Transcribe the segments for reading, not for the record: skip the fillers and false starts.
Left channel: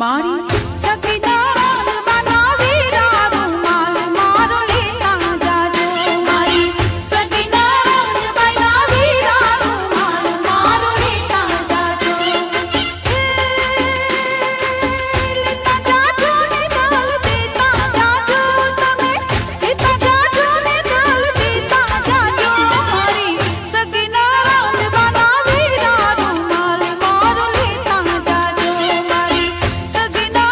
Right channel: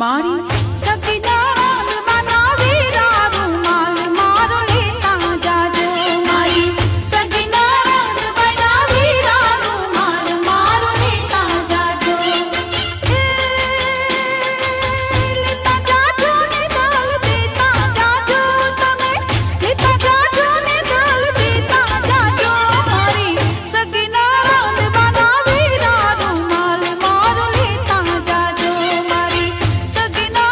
मारी सगीना बनावी रुमाल मारो लेता जाजो मारी सगीना बनावी रुमाल मारो लेता जाजो लेता जाजो ने दाल देता जाजो तमे लेता जाजो ने दाल देता जाजो मारी सगीना बनावी रुमाल मारो लेता जाजो मारी सगीना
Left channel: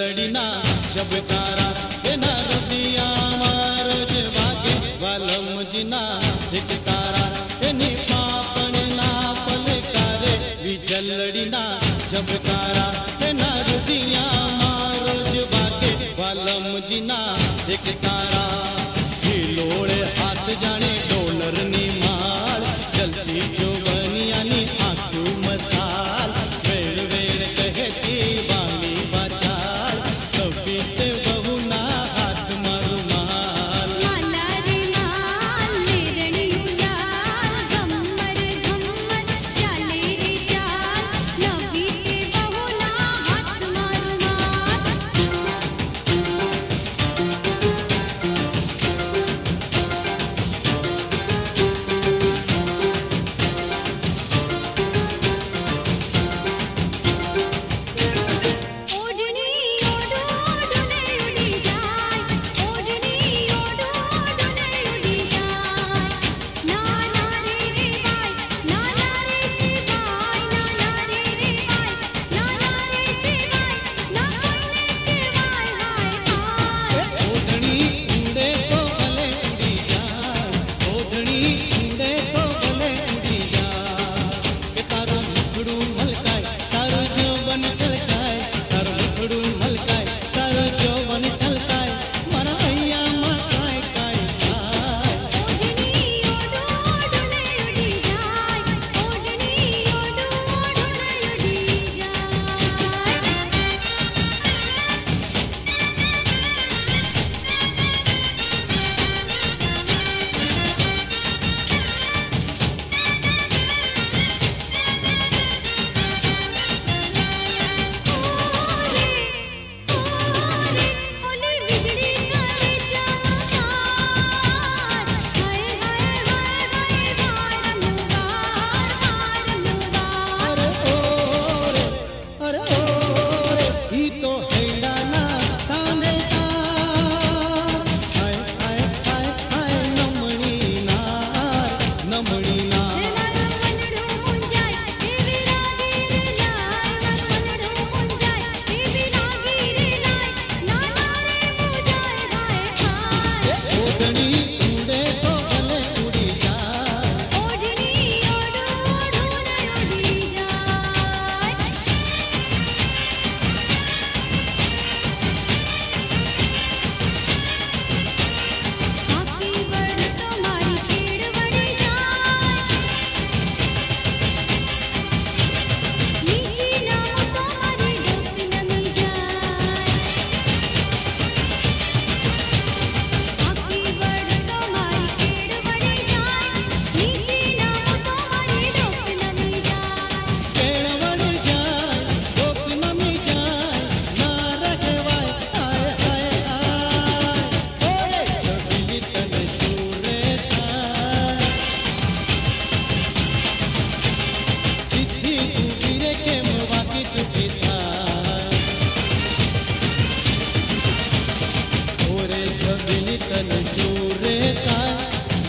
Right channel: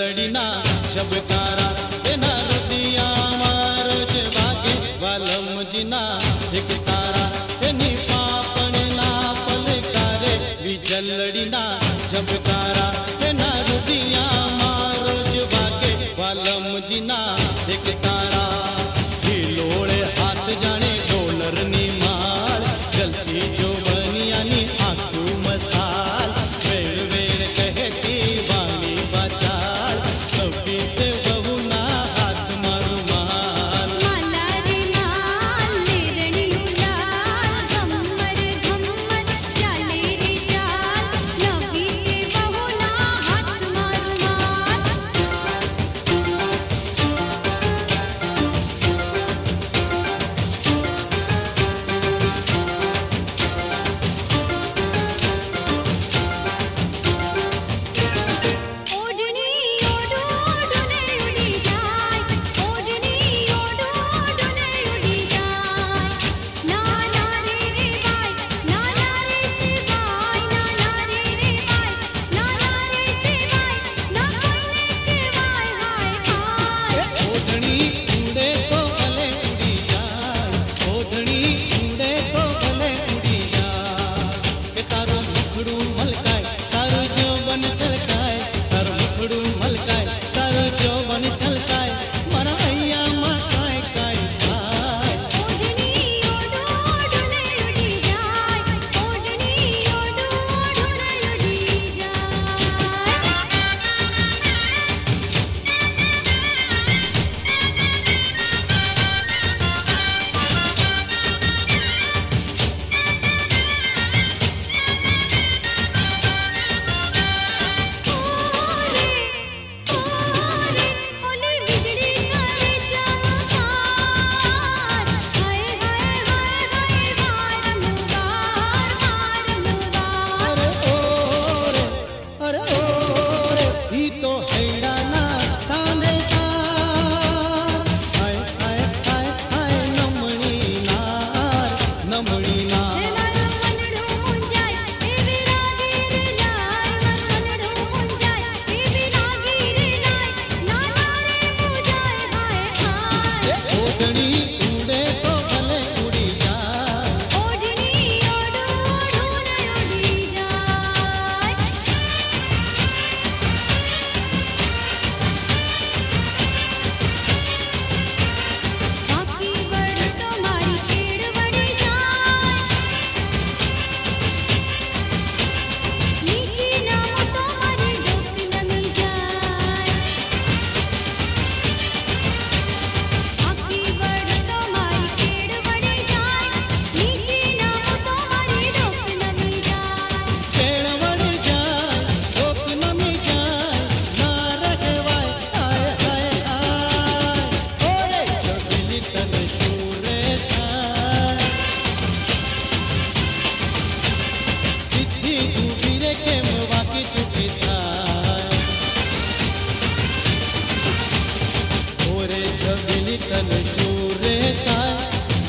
જલડીના જબકારા એના રુદિયામાં રોજ વાગે વાલમજીના એક તારા એની પાપણના પલકારે વિજલડીના જબકારા એના રુદિયામાં રોજ વાગે વાલમજીના એક તારા હિલોળે હાથ જાણે ડોલરની માળ જલતી જો બનિયાની આંખું મસાલ વેળ વેળ કહેતી વાણી બાચાલ કવિતે બહુના હાથમાં રૂમાલ માલા રે માલ લેરણિયું લાલ ઘમ્મર ઘમ્મર ચાલે રે ચાલ નવી કે બહુના હાથમાં રૂમાલ ઓઢણી ઓઢો ઓઢને ઉડી જાય ઓઢણી ઓઢો ઓઢને ઉડી જાય ના ના રે રે વાય ના ના રે સે વાય ના ના રે રે વાય ના ના રે સે વાય ના કોઈને કહેવાય હાય હાય ઓઢણી ઉડે તો ભલે ઉડી જાય ઓઢણી ઉડે તો ભલે ઉડી જાય કે તારું મુખડું મલકાય તારું જોબન છલકાય તારું મુખડું મલકાય તારું જોબન છલકાય મારા હૈયામાં કાંઈ કાંઈ થાય ઓઢણી ઓઢો ઓઢને ઉડી જાય ઓઢણી ઓઢો ઓઢને ઉડી જાય ઓરે ઓરે ઓલે વીજળી કરે ચમકાર હાય હાય હાય હાય વારનું વાર વારનું વાર અરે ઓરે ઈ તો હૈડાના સાંધે તાર હાય હાય હાય હાય નમણી નાર નમણી નાર મારું મનડું મુંજાય એવી રાગી રે લાય મારું મનડું મુંજાય એવી રાગી રે લાય ના ના રે મુંજાય હાય હાય ઓઢણી ઉડે તો ભલે ઉડી જાય ઓઢણી ઓઢો ઓઢને ઉડી જાય આખી વડ તો મારી કેડ વળી જાય નીચી નામ તો મારી ડોક નમી જાય આખી વડ તો મારી કેડ વળી જાય નીચી નામ તો મારી ડોક નમી જાય કેળવડ જાય કોક નમી જાય ના રહેવાય હાય હાય હાય ઓરે જગલી તન ચૂરે થાય સીધી ઊભી રે કેમ વાકી ચૂકી થાય ઓરે જગલી તન ચૂરે થાય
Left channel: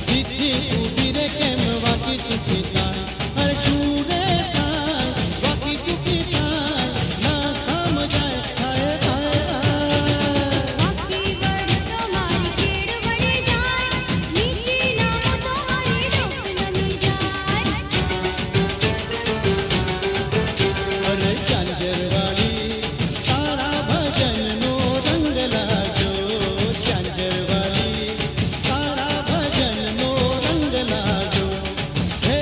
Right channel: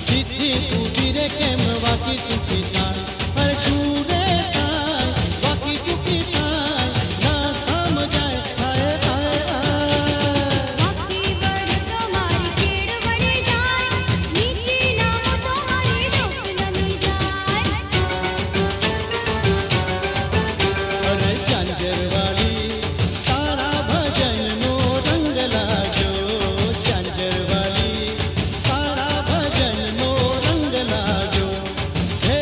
સીધી ઊભી રે કેમ વાકી ચૂકી થાય અરે ચૂરે થાય વાકી ચૂકી થાય ના સમજાય હાય હાય હાય આખી વડ તો મારી કેડ વળી જાય નીચી નામ તો મારી ડોક નમી જાય અરે ચાંજરવાલી તારા ભજનનો રંગ લાજો ચાંજરવાલી તારા ભજનનો રંગ લાજો હે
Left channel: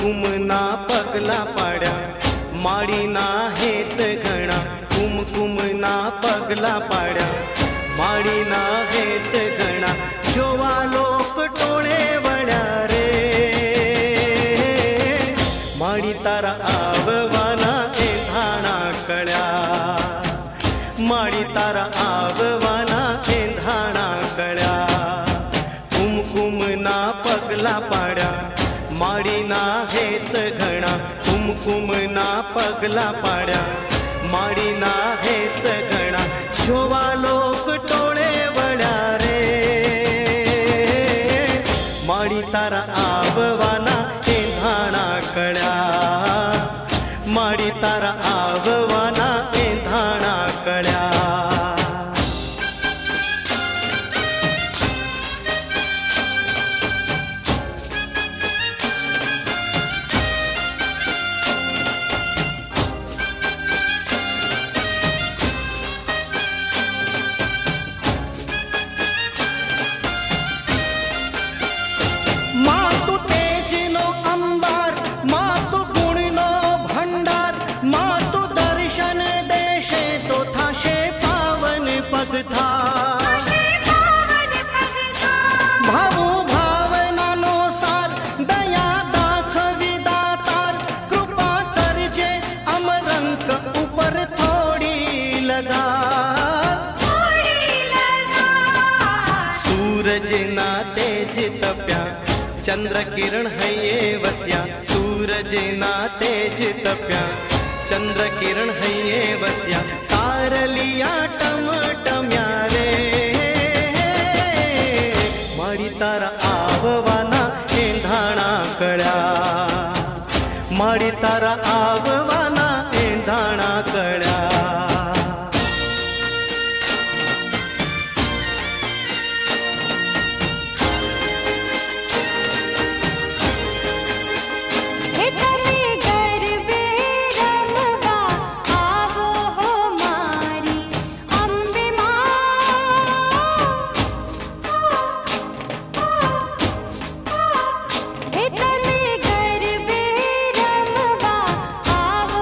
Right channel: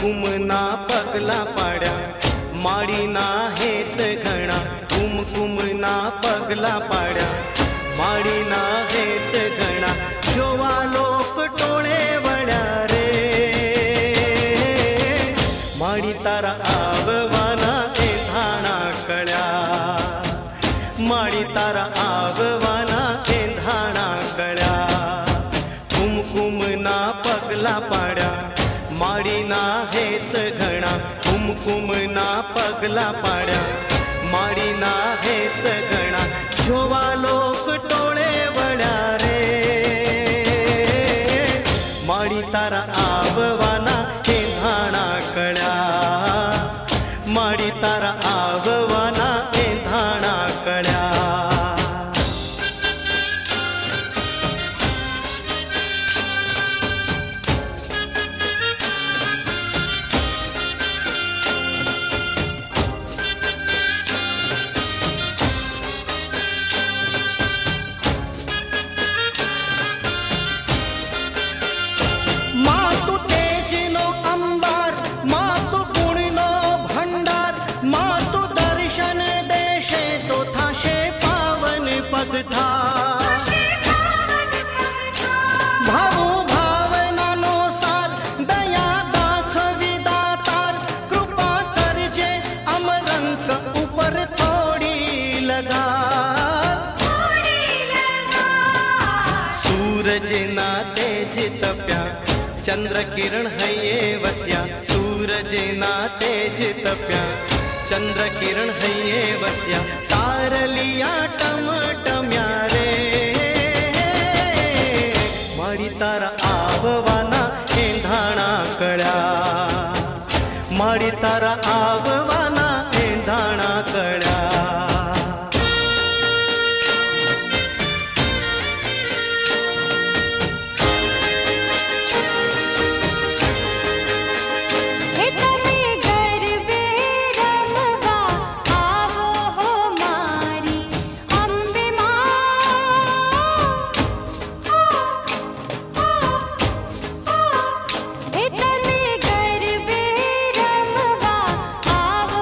કુમકુમના પગલા પાડ્યા માળીના હેત ઘણા કુમકુમના પગલા પાડ્યા માળીના હેત ઘણા જોવા લોક ટોળે વળ્યા રે માળી તારા આવવાના એંધાણા કળ્યા માળી તારા આવવાના એંધાણા કળ્યા કુમકુમના પગલા પાડ્યા માળીના હેત ઘણા કુમકુમના પગલા પાડ્યા માળીના હેત ઘણા જોવા લોક ટોળે વળ્યા રે માળી તારા આવવાના એંધાણા કળ્યા માળી તારા આવવાના એંધાણા કળ્યા ભાવો ભાવનાનો સાર દયા દાખવી દાતાર કૃપા કરજે અમરંક ઉપર થોડી લગા સૂરજના તેજ તપ્યા ચંદ્ર કિરણ હૈયે વસ્યા સૂરજના તેજ તપ્યા ચંદ્ર કિરણ હૈયે વસ્યા તારલિયા ટમટમ્યા રે માળી તારા આવવાના એંધાણા કળ્યા માળી તારા આવવાના એંધાણા કળ્યા આવો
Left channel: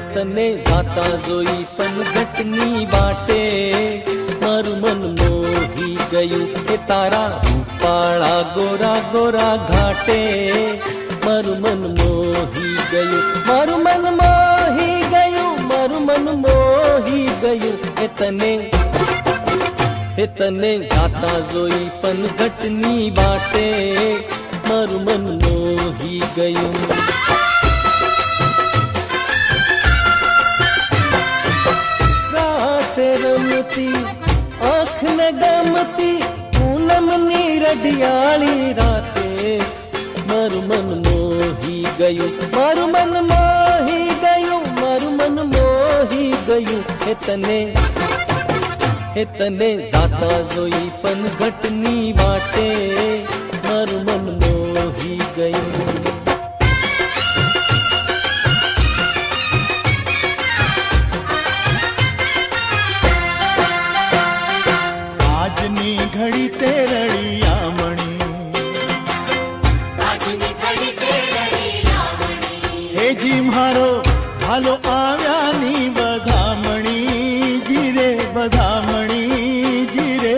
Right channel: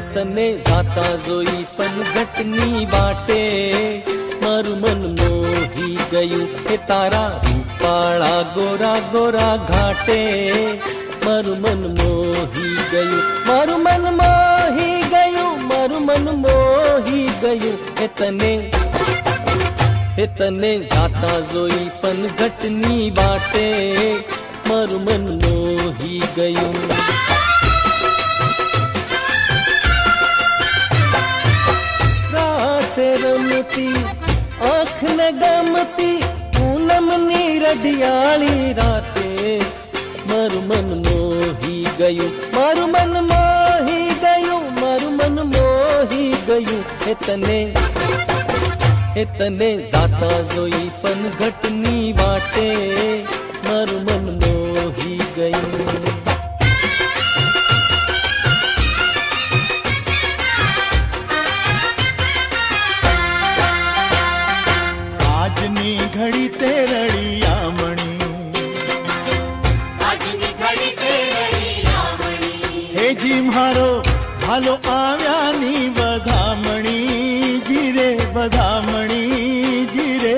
तने जाता जोई पन घटनी बाटे मारू मन मोही गयू हे तारा रूपाळा गोरा गोरा घाटे मारू मन मोही गयू मारू मन मोही गयू मारू मन मोही गयू हे तने जाता जोई पन घटनी बाटे मारू मन मोही गयू से रमती आँख न गमती पूनम नीरडियाली राते मारू मन मोही गयू मारू मन मोही गयू मारू मन मोही गयू हे तने जाता जोई पन घटनी बाटे मारू मन मोही गयू આજની ઘડી તે રળિયામણી હેજી મારો ભાલો આવ્યાની વધામણી જીરે વધામણી જીરે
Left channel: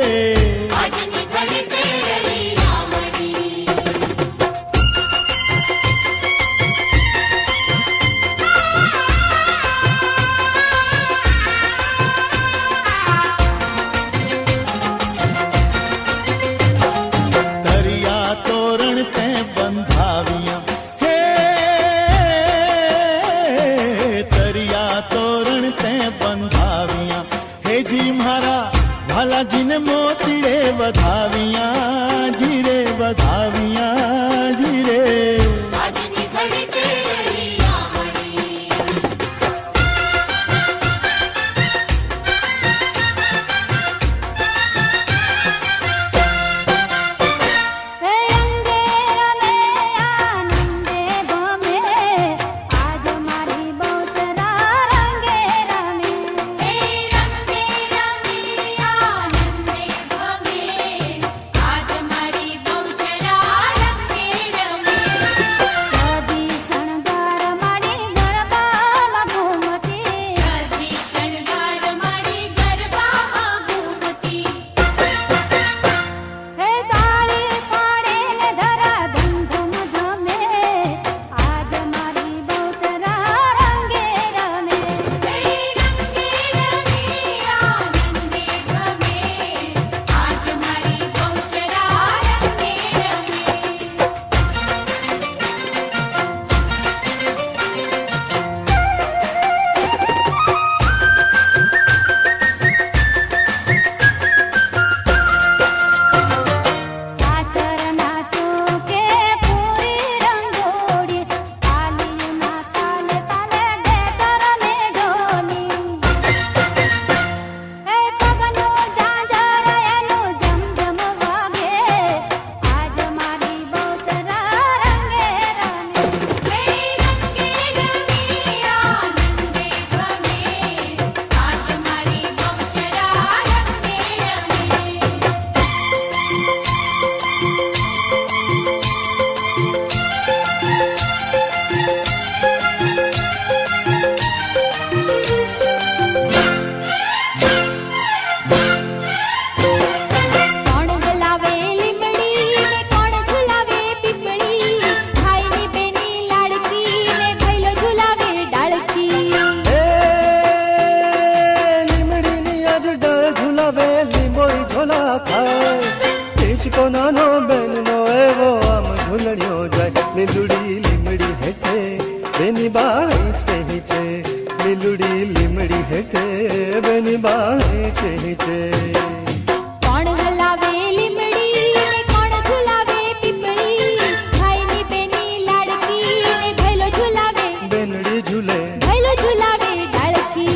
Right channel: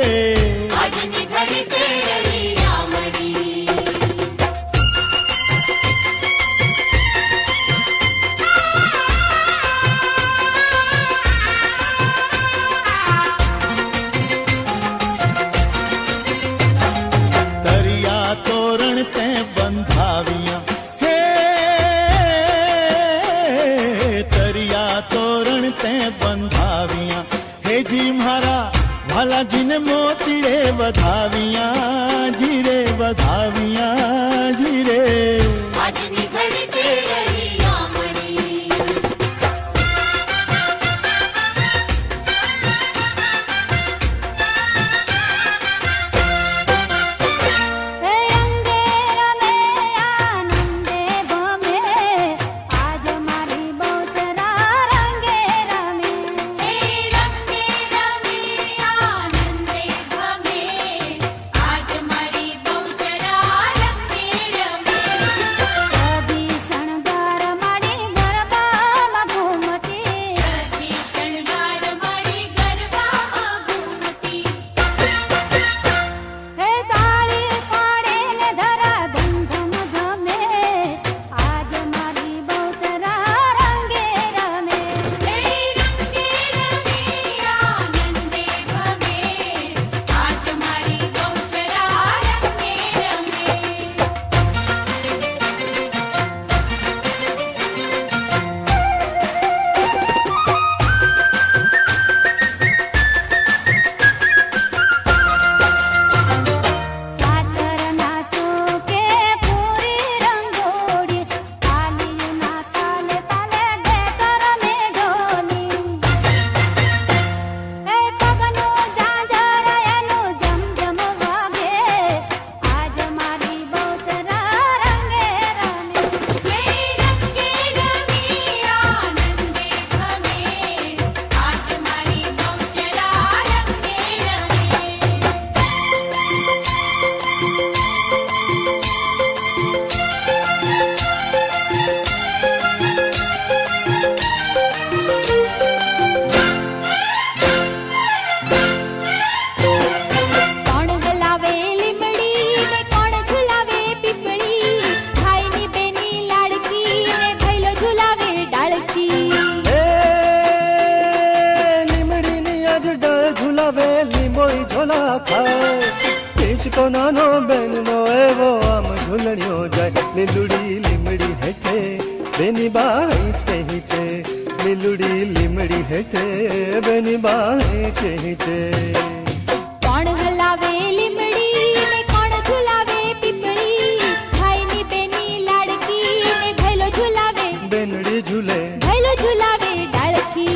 तोरण ते बंधाविया हे तरिया तोरण ते बंधाविया हे जी मारा भाला जी ने मोतीड़े बधाविया जीरे बधाविया जीरे को नानो बेनो एवो आम झुलड़ियो जाय नीलुड़ी लिमड़ी हेठे बेनी बाई चहीते नीलुड़ी लिमड़ी हेठे बेनी बाई चहीते कौन हलावे लिमड़ी ने कौन झुलावे पिपड़ी भाई नी बेनी लाड़की ने भैलो झुलावे बेनड़ी झूले भैलो झुलावे डालकी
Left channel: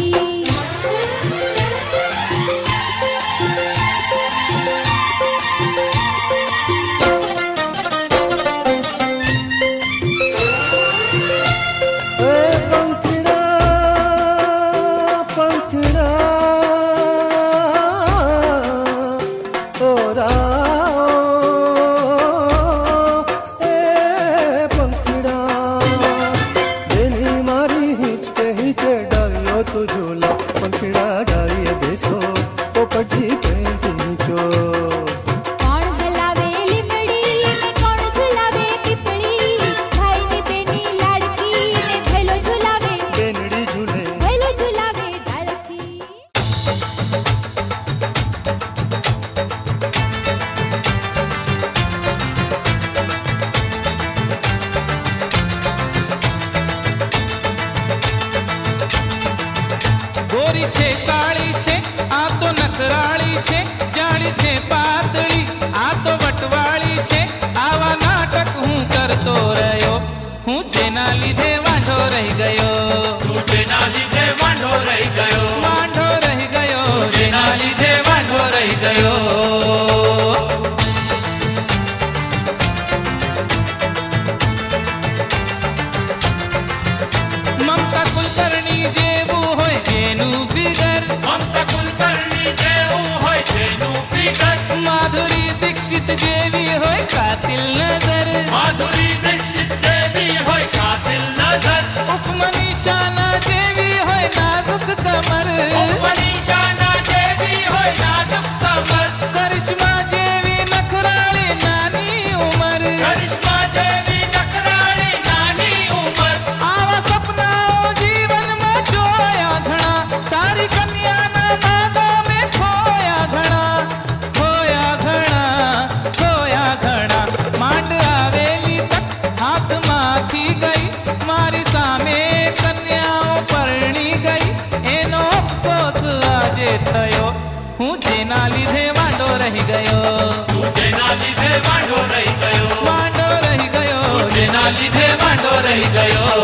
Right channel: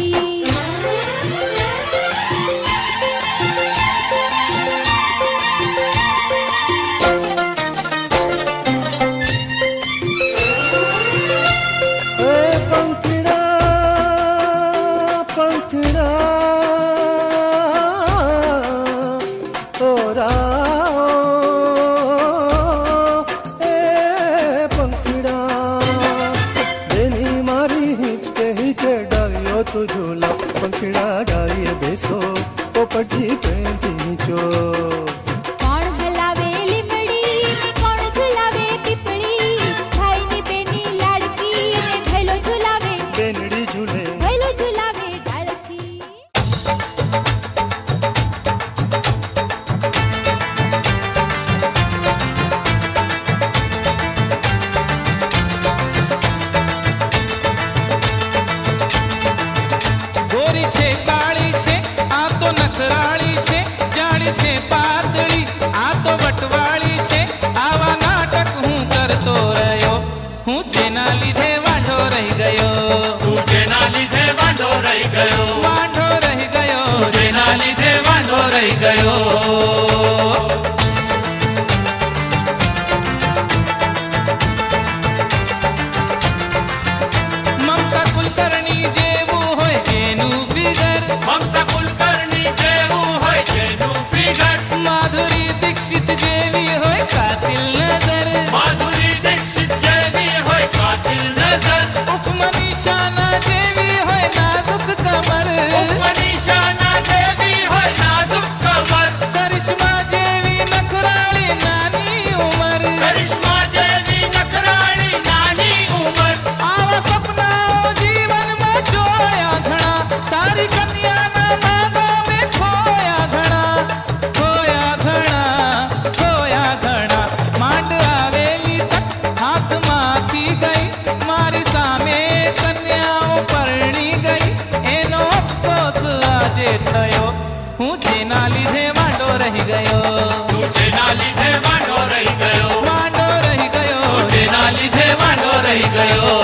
पटी पेंटी चो કોણ હલાવે લીમડી ને કોણ ઝુલાવે પીપળી ભાઈની બેની લાડકી ને ભેલો ઝુલાવે बेनड़ी झूले ભેલો ઝુલાવે ડાળકી ગોરી છે કાળી છે આ તો નખરાળી છે જાડી છે પાતળી આ તો વટવાળી છે આવા નાટક હું કરતો રહ્યો હું જેના લીધે વાંઢો રહી ગયો વાંઢો રહી ગયો જેના લીધે વાંઢો રહી ગયો મમતા કુલકર્ણી જેવું હોય એનું ફિગર માધુરી દીક્ષિત જેવી હોય કાતિલ નજર ઉપમની શાના જેવી હોય નાજુક કમર કરિશ્મા જેવી નખરાળી નાની ઉંમર આવા સપનાઓ જીવનમાં જોયા ઘણા સારી કન્યાના માગો મેં ખોયા ઘણા માંડ આવેલી તક હાથમાંથી ગઈ મારી સામે કન્યાઓ પરણી ગઈ એનો અફસોસ આજે થયો હું જેના લીધે વાંઢો રહી ગયો વાંઢો રહી ગયો જેના લીધે વાંઢો રહી ગયો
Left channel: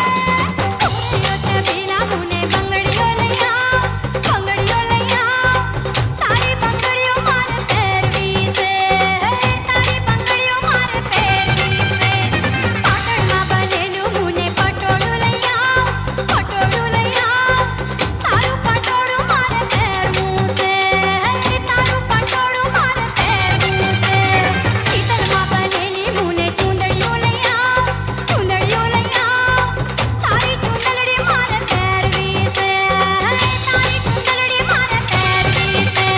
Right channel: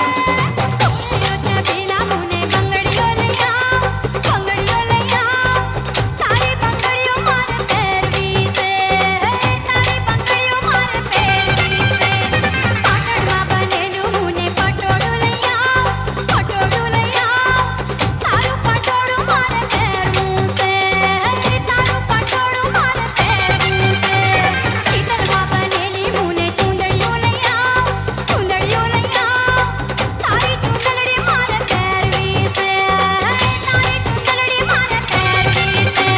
કોરિયો છે પેલા મુને બંગડીઓ લઈ આવ તારી બંગડીઓ મારે પહેરવી છે તારી બંગડીઓ મારે પહેરવી છે પાટણમાં બનેલું મુને પટોળું લઈ આવ તારું પટોળું મારે પહેરવું છે તારું પટોળું મારે પહેરવું છે ચિતરમાં બનેલી મુને ચૂંદડીઓ લઈ આવ તારી ચૂંદડી મારે પહેરવી છે તારી ચૂંદડી મારે પહેરવી છે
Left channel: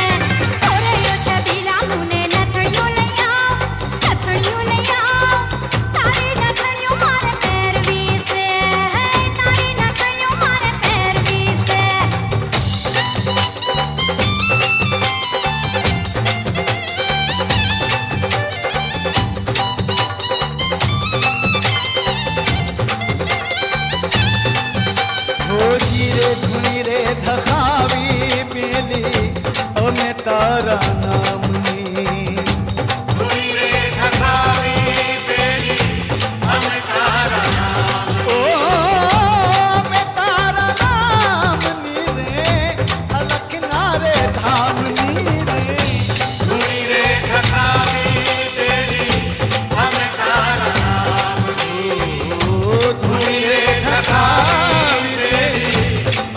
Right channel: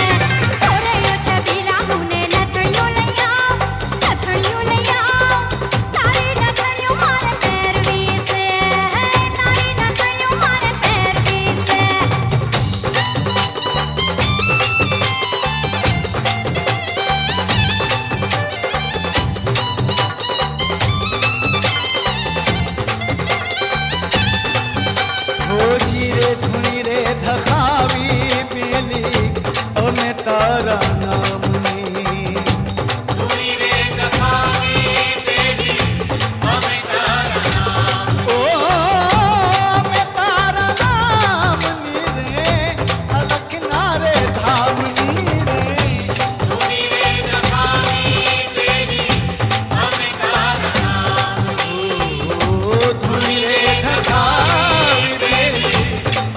કોરિયો છે પેલા મુને નથણીઓ લઈ આવ તારી નથણીઓ મારે પહેરવી છે તારી નથણીઓ મારે પહેરવી છે ધોજી રે ધૂણી રે ધખાવી પેલી અમે તારા નામની ઓ અમે તારા નામની રે અલખના રે ધામની રે ઓ ધૂણી રે ધખાવી પેલી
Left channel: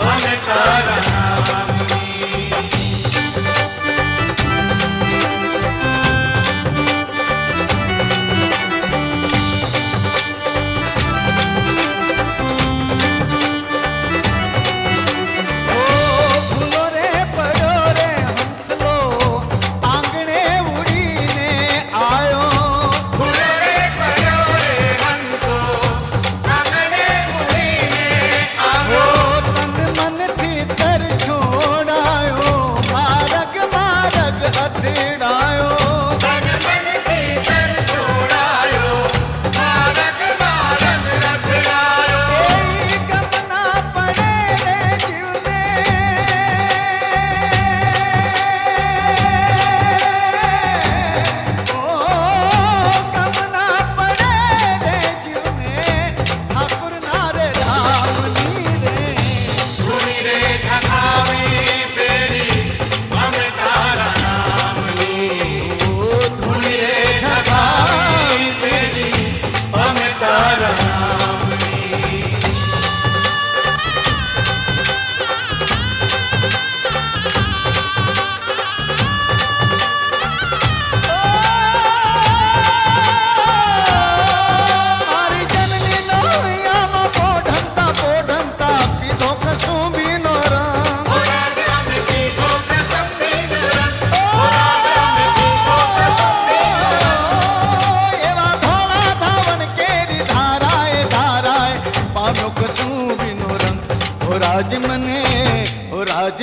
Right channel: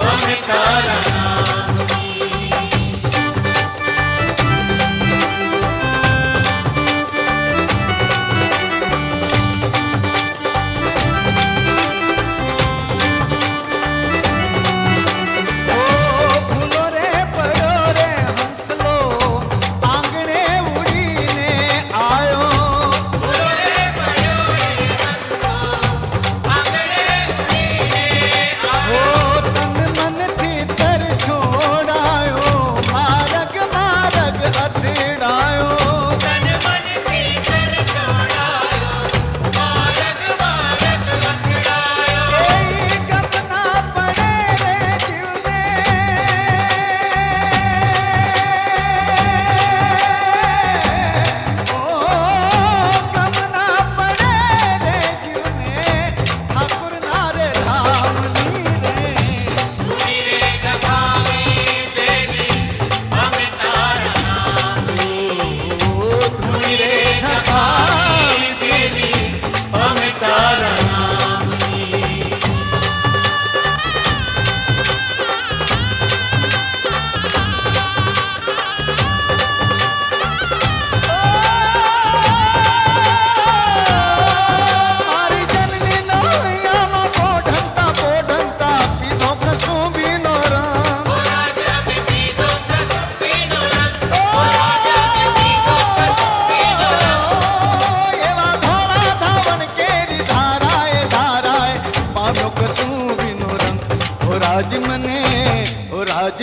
અમે તારા નામની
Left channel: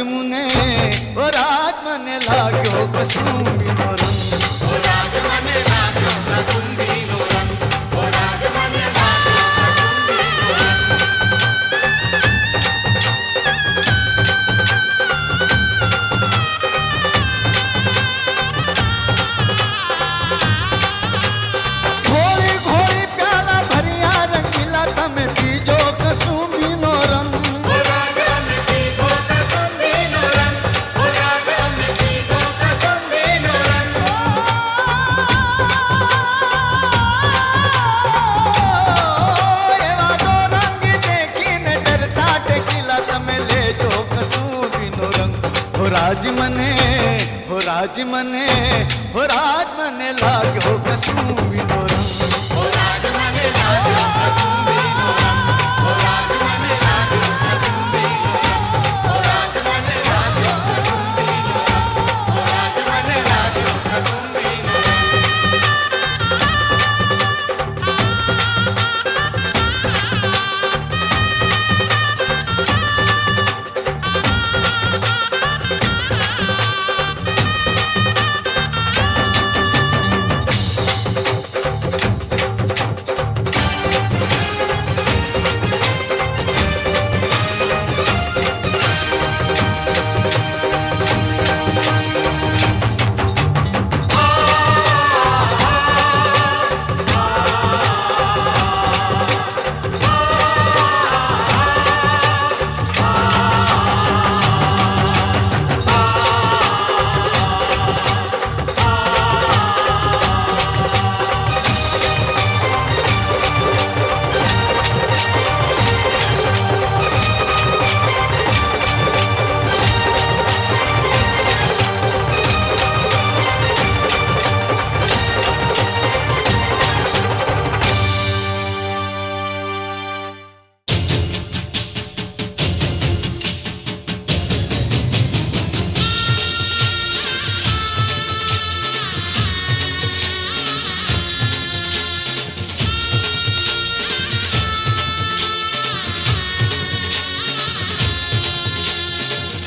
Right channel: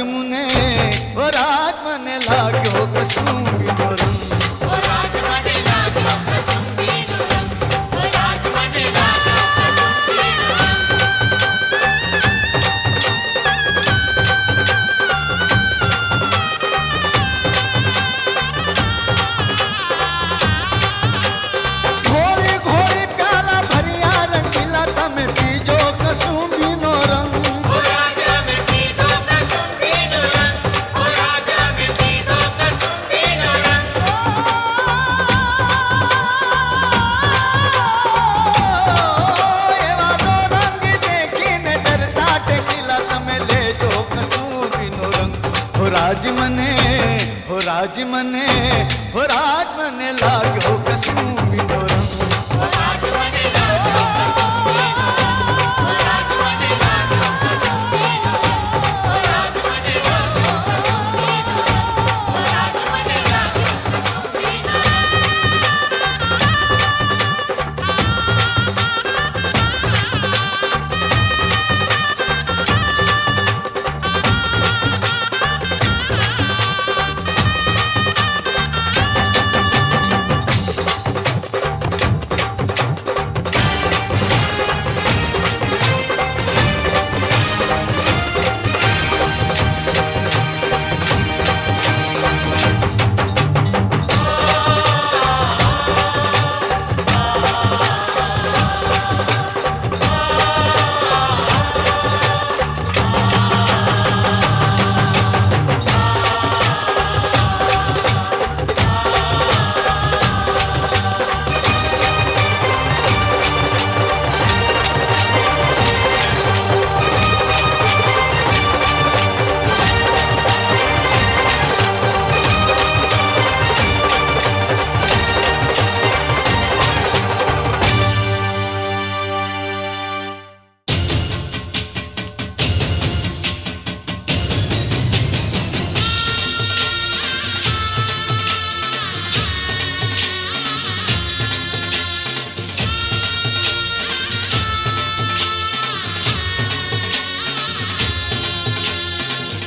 मुने ओ राज मने लाग्यो कसुंबी नो रंग घोड़ी घोड़ी प्याला भरिया रंगीला तमे पीजो कसुंबी नो रंग राज मने हो राज मने लाग्यो कसुंबी नो रंग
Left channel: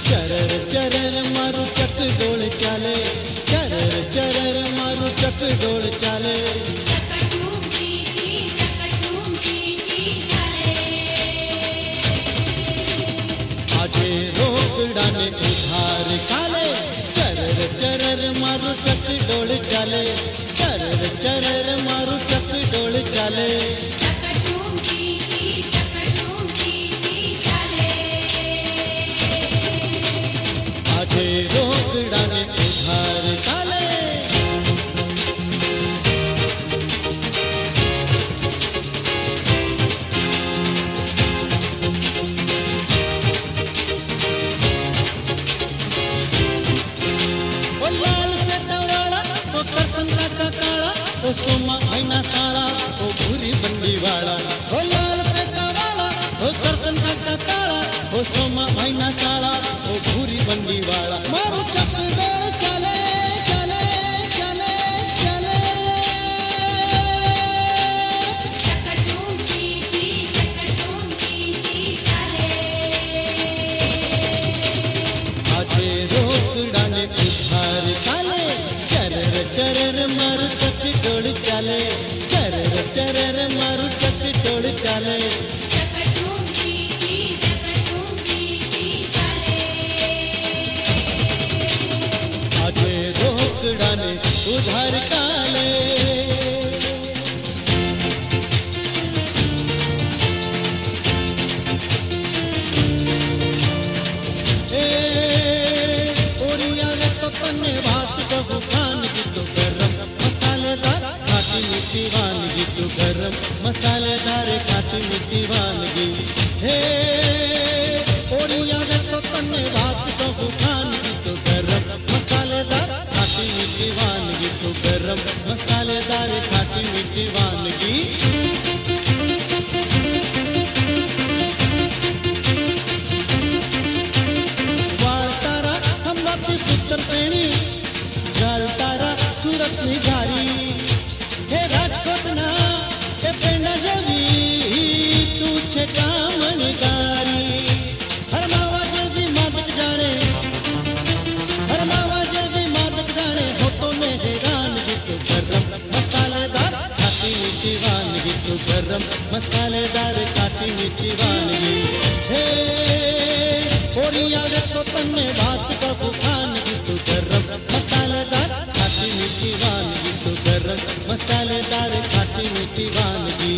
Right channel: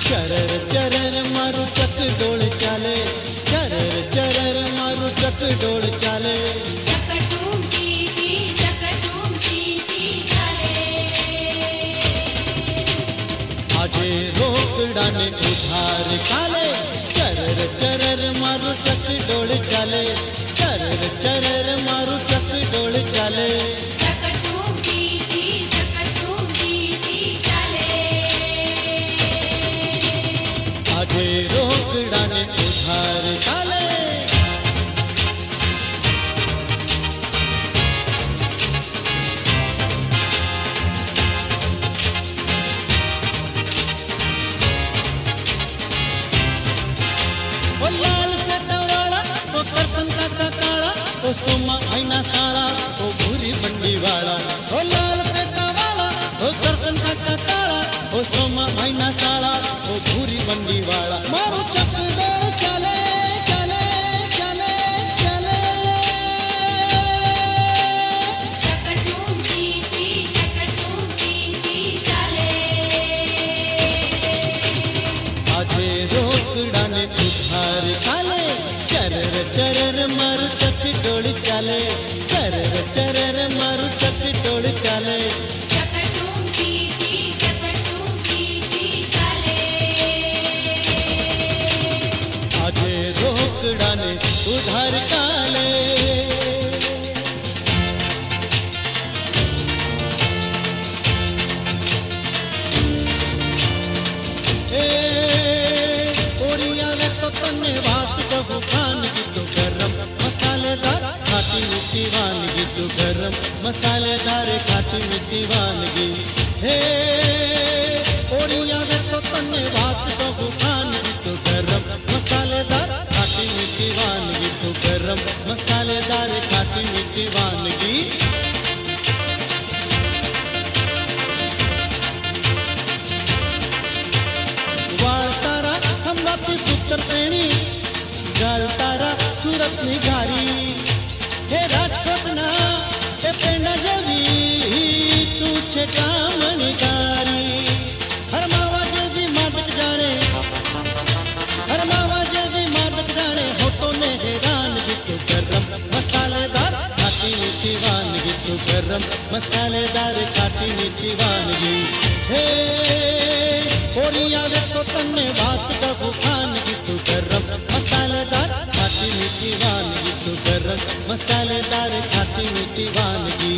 चरर चरर मारू चक डोल चाले चरर चरर मारू चक डोल चाले आजे रोकड़ा ने उधार काले चरर चरर मारू चक डोल चाले चरर चरर मारू चक डोल चाले आजे रोकड़ा ने उधार काले ओ लाल से तवाड़ा ओ करसन का काला ओ सोमा आईना साला ओ भूरी बंडी वाला ओ लाल से तवाड़ा ओ करसन का काला ओ सोमा आईना साला ओ भूरी बंडी वाला मारो चक डोल चले चले चले चले आजे रोकड़ा ने उधार काले चरर चरर मारू चक डोल चाले चरर चरर मारू चक डोल चाले आजे रोकड़ा ने उधार काले ओरिया ने तो तन्ने भात कबू खान की तो गरम मसालेदार खाटी मीठी वानगी तो गरम मसालेदार खाटी मीठी वानगी हे ओरिया ने तो तन्ने भात कबू खान की तो गरम मसालेदार खाटी मीठी वानगी तो गरम मसालेदार खाटी मीठी वानगी पुत्र प्रेणी गाल तारा सूरत निघारी हे राजकोट ना हे पेंडा जेवी तू छे कामणीकारी हर मावा जेवी मादक जाने तो गरम मसालेदार खाटी मीठी वानगी हे ओरिया रे तो तन्ने बात कबू खानगी तो गरम मसालेदार खाटी मीठी वानगी तो गरम मसालेदार खाटी मीठी वानगी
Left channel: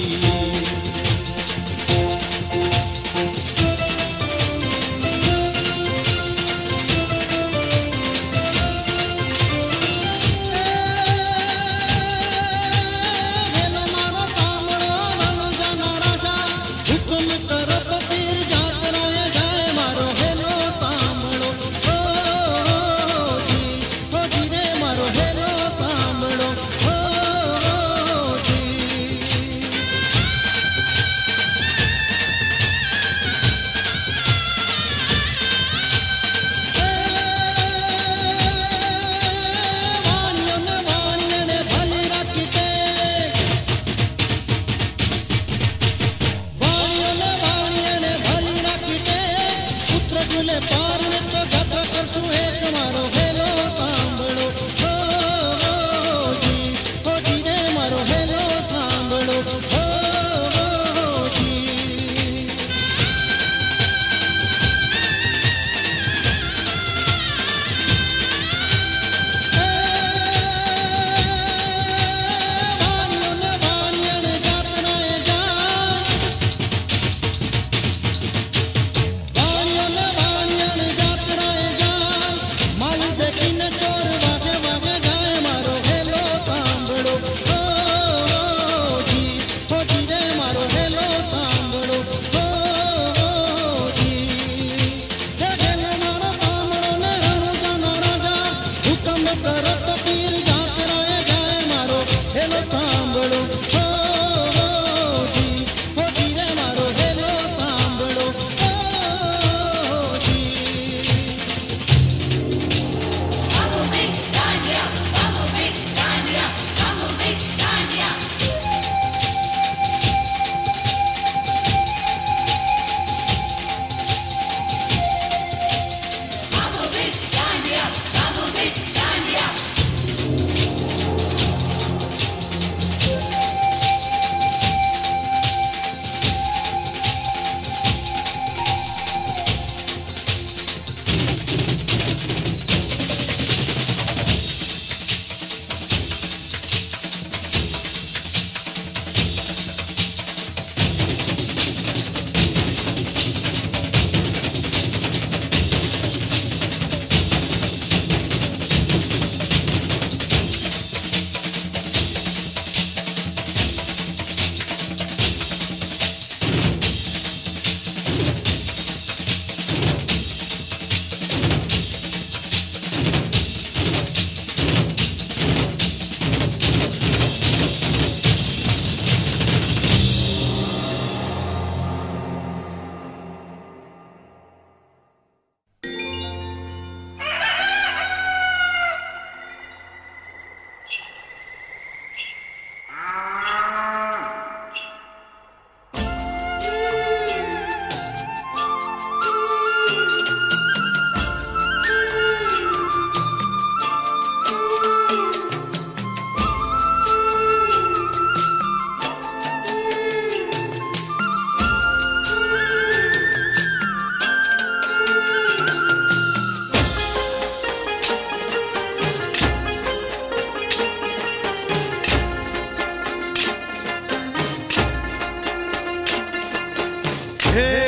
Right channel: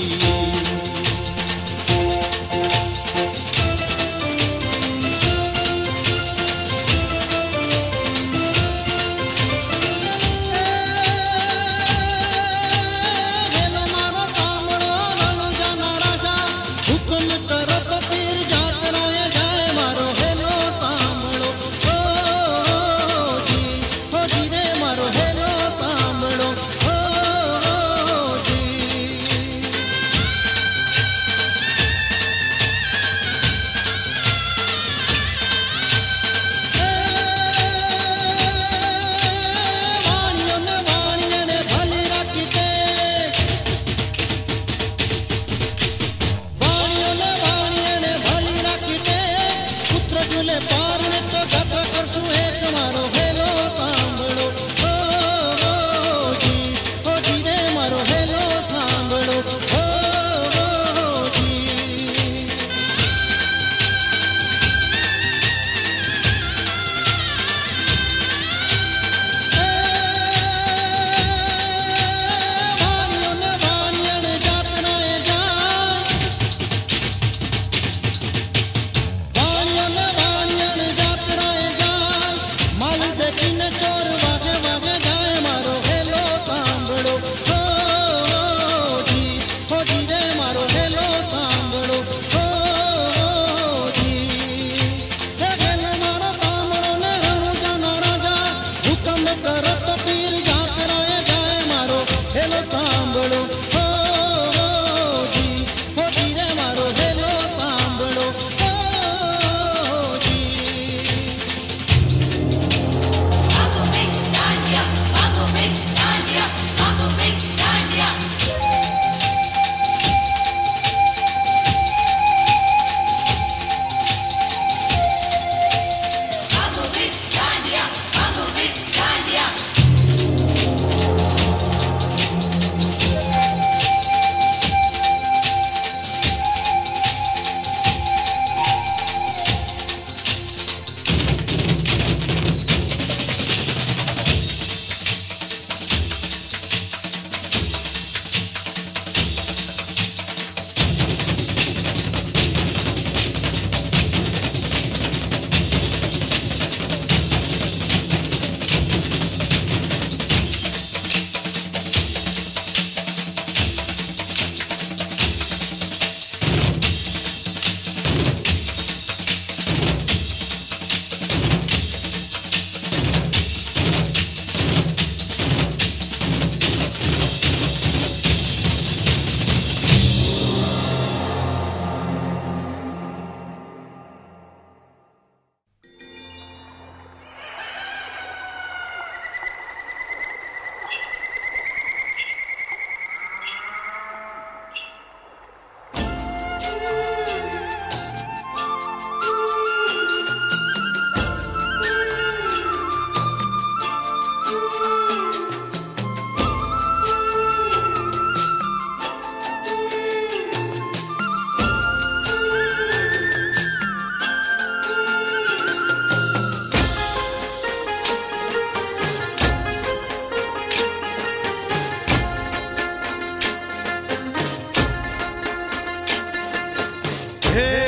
Hey